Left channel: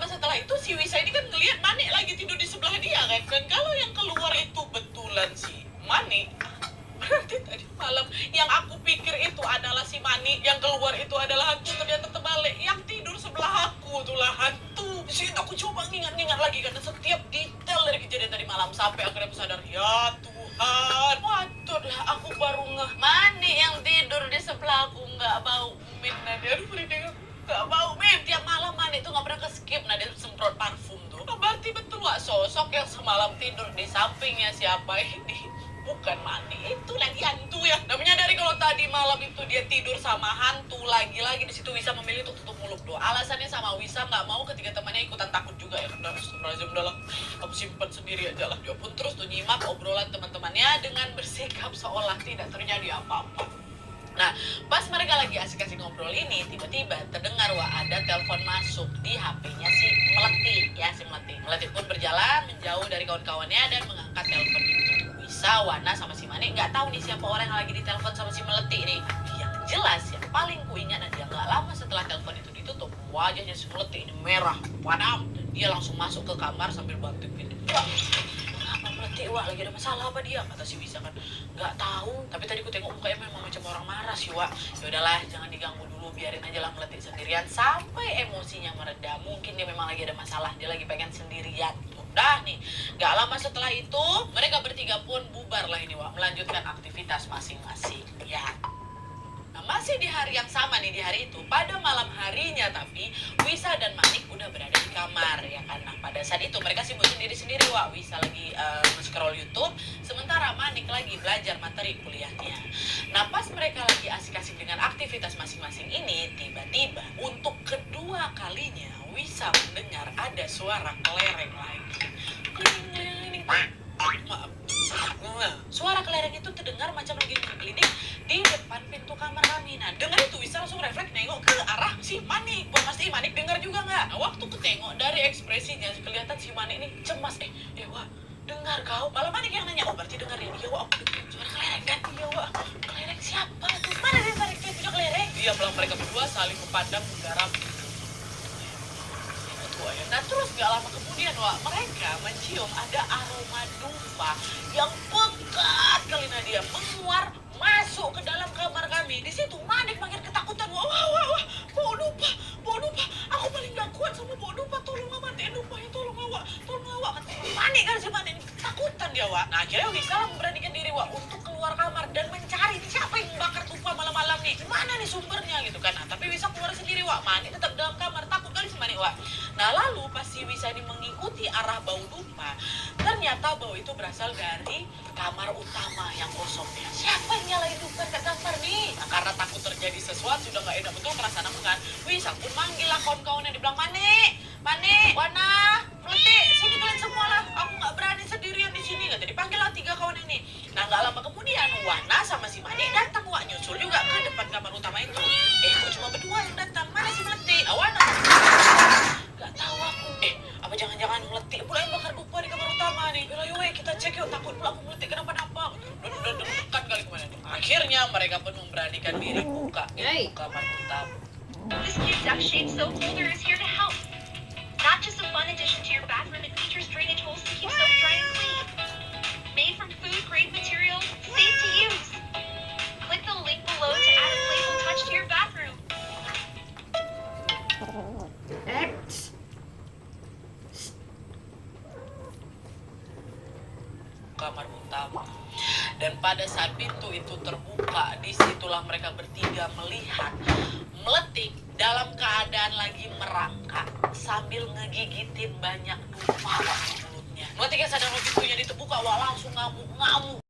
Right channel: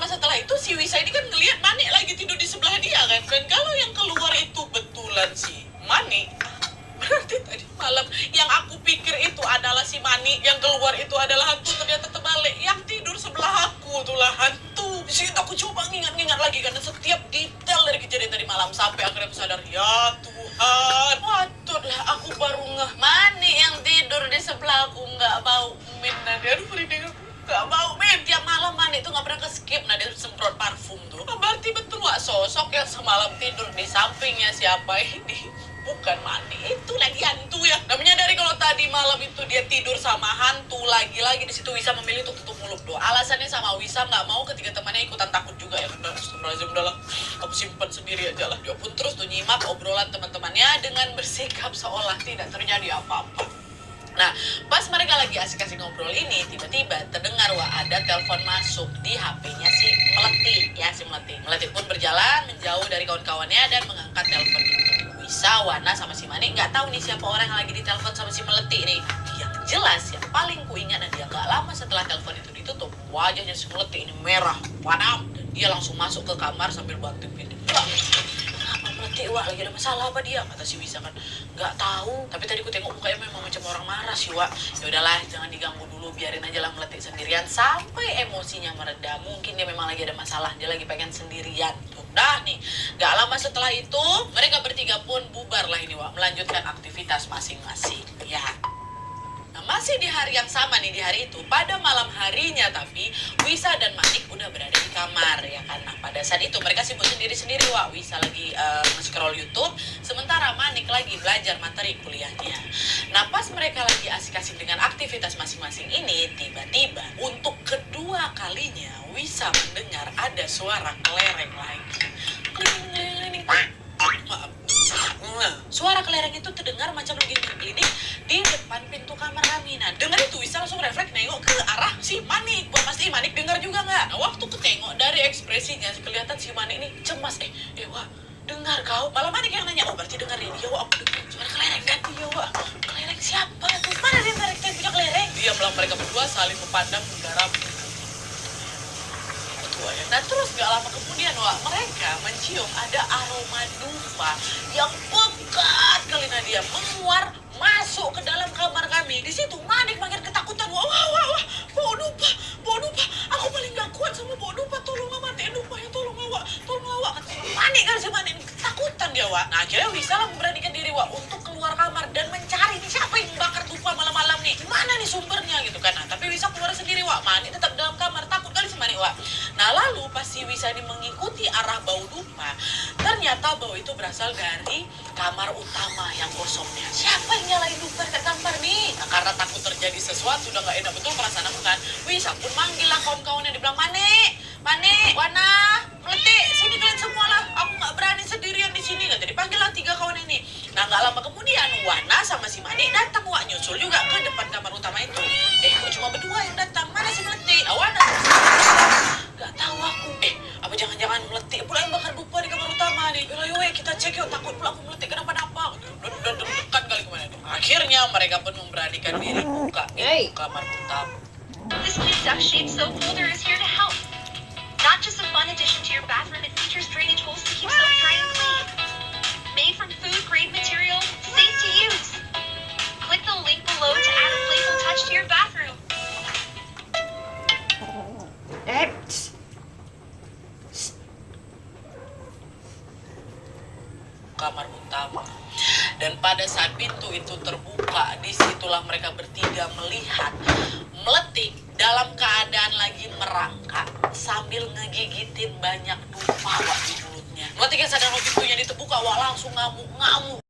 lama setelah itu si Wisa ini kan ngelihat Mani lagi tidur di sebelah dia kan. Dan kalau yang keluar itu betulan si Mani, berarti tadi malam yang aku pikir itu adalah si Mani, yang keluar itu adalah hantu, ternyata terbalik. Yang tidur sebelah aku itulah hantu. Di situ aku coba ngingat-ngingat lagi karena setiap detail dari kejadian tadi malam sampai akhirnya aku sadar, ya Tuhan, patutlah aku baru ngeh Mani yang tidur di sebelah aku nggak bau mint. Aduh, merinding aku. Gak mau, men. Tiap malam Mani itu gak pernah ke-skip. Nah, dia semprot parfum tuh. Berarti betul wak, sosok yang semalam tidur di sampingnya siapa ini? Bukan Mani, itu lagi hantu ya. Nah, menyadari kalau tadi malam itu dia tidur sama hantu, lagi-lagi di situ Wisa memilih untuk tutup mulut doa. Alasannya sama Wisa gak mau ketiga temannya ikutan takut juga ya. Udah, astagfirullahaladzim, udahlah. Aku simpan sendiri aja lah. Dia pun terus tuh nyimak obrolan teman-temannya dengan bersikap seolah tidak terjadi apa-apa. Nah, pas mereka lagi asik-asik ngobrol ini, tiba-tiba terdengar wah ada telepon masuk di HP-nya si Melati. Ya, si Melati. Melati pun berjalan menjauh dari kawan-kawannya dan mengangkat telepon itu. Wisa, Wana, sama si Mani nggak tahu nih siapa orang yang lagi ditelepon sama si Melati nih. Yang jelas, yang paling kuingat dan dia nggak lama setelah telepon itu ditutup, wajahnya si Melati ini merah, padam. Dan dia langsung masuk ke kamar sambil banting pintu. Melati, wak, lagi ada masalah apa dia? Kata si Wisa kan, nggak tahu. Tapi tadi ku tengok mukanya memang macam orang marah sih, wak. Ya udahlah, jangan diganggu dulu, biarin aja lah Melati sendirian sampai emosinya mereda. Mungkin dia memang lagi ada masalah, dia lagi pengen sendirian. Udah nih, nggak lama setelah itu mereka bertiga pun bubar lah ini, wak, melanjutkan aktivitas masing-masing. Ya. Nah, masih di hari yang sama nih, di hari itu, pada malam harinya tapi Wisa dan Manik udah berada di kamar ya kan. Nah, pada saat itu mereka sibuk sendiri-sendiri, wak. Wisa lagi scroll YouTube, sementara Manik lagi belajar materi kuliahnya. Nah, pas mereka lagi asik-asik dengan aktivitas masing-masing ini, tiba-tiba untuk kedua kalinya Wisa mendengar ada suara kelereng lagi. Kling-kling-kling. Maaf. Nah, suara kelereng itu terdengar macam lagi klinik di depan pintu kamar kami. Nah, dengar itu Wisa langsung refleks nengok ke arah si Manik. Buat pasti Manik dengar juga nggak? Nah, waktu ketengok dari ekspresinya kelihatan si Manik ini cemas. Wak, dengar kau? Malah Manik yang nanya, oh berarti dengar ini. Ya wak, aku dengar suara kelereng kan? Iya wak, kelereng siapa tuh? Mana dia tarik punya kelereng? Diamlah mereka berdua saling memandang menggarap. Nah, terus gak lama kemudian, wak, mereka mencium ada aroma dupa yang pekat kali Nadia menguar masuk ke dalam kamar kami. Di situ Manik makin ketakutan. Wah, bau dupa. Aku paling gak kuat sama bau dupa. Tolong matiin dupa ya, tolong wak. Kata Manik kan si Manik ketakutan dia, wak. Nah, akhirnya Wisa lah memberanikan diri, wak, untuk keluar kamar dan mencari siapa yang bakar dupa malam-malam nih. Gimana nih sumbernya gitu kan. Nah, tapi Wisa keluar sendiri, wak. Manik tetap dalam kamar, takut kali si Manik, wak. Nah, lalu pas si Wisa ini mengikuti arah bau dupa, ternyata bau itu berasal dari kamar utama yang kosongnya. Siapa yang nyalain dupa dekat kamar nih? Nah, karena takut terjadi sesuatu, udah gak enak betul perasaan aku kan. Wisa pun manggil lah kawan-kawannya, dibilang, Mane, Wana, Melati, sini kalian semua lah. Aku gak berani sendirian di sini. Jadi panggil lah 3 kawan ini. Nah, gak lama kemudian Wana sama si Mane datang, wak, nyusul juga ke depan kamar utama itu. Kok cuma berdua yang datang? Mana si Melati? Wana sama si gak tahu aku. Apa jangan-jangan Melati pula yang bakar dupa di kamar utama nih. Yuk, kita cek yuk, takut pula aku Melati kenapa-napa. Udah dekat kali kemana nih. Akhirnya mereka pun memberanikan diri buka pintu kamar utama. This kid's Shape Soap Holder is here to help. Not just a fun addition to your bathroom, it features drainage holes to keep soap dry and clean. Made from food-grade material, safe to use. Click the link below to add a playful touch to your bathroom. Kamar utama. Dan pada saat pintu itu terbuka, disitulah mereka bertiga melihat Melati dalam keadaan lagi merangkak sambil ngegigitin banyak dupa, wak, di mulutnya. Melati kan sadar pintunya diterbuka, wak, langsung ngamuk-ngamuk.